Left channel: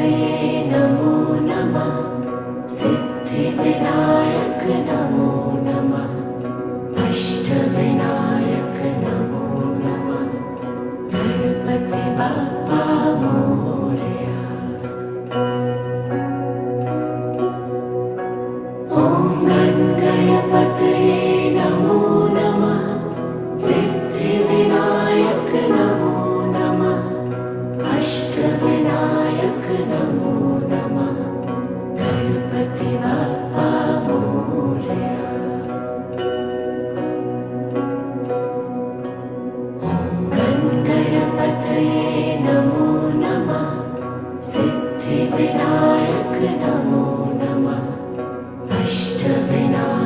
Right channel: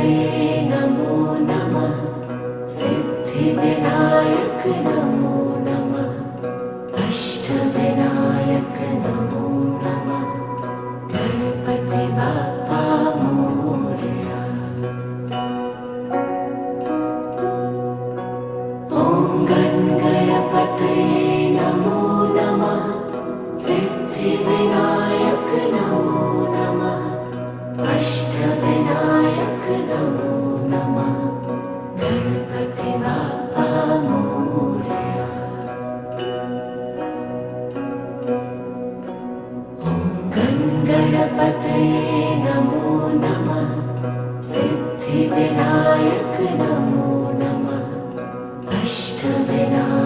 गणपतये नमो नमः। सिद्धिविनायक नमो नमः। अष्टविनायक नमो नमः। गणपति बाप्पा मोरया। ॐ गणपतये नमो नमः। सिद्धिविनायक नमो नमः। अष्टविनायक नमो नमः। गणपति बाप्पा मोरया। ॐ गणपतये नमो नमः। सिद्धिविनायक नमो नमः। अष्टविनायक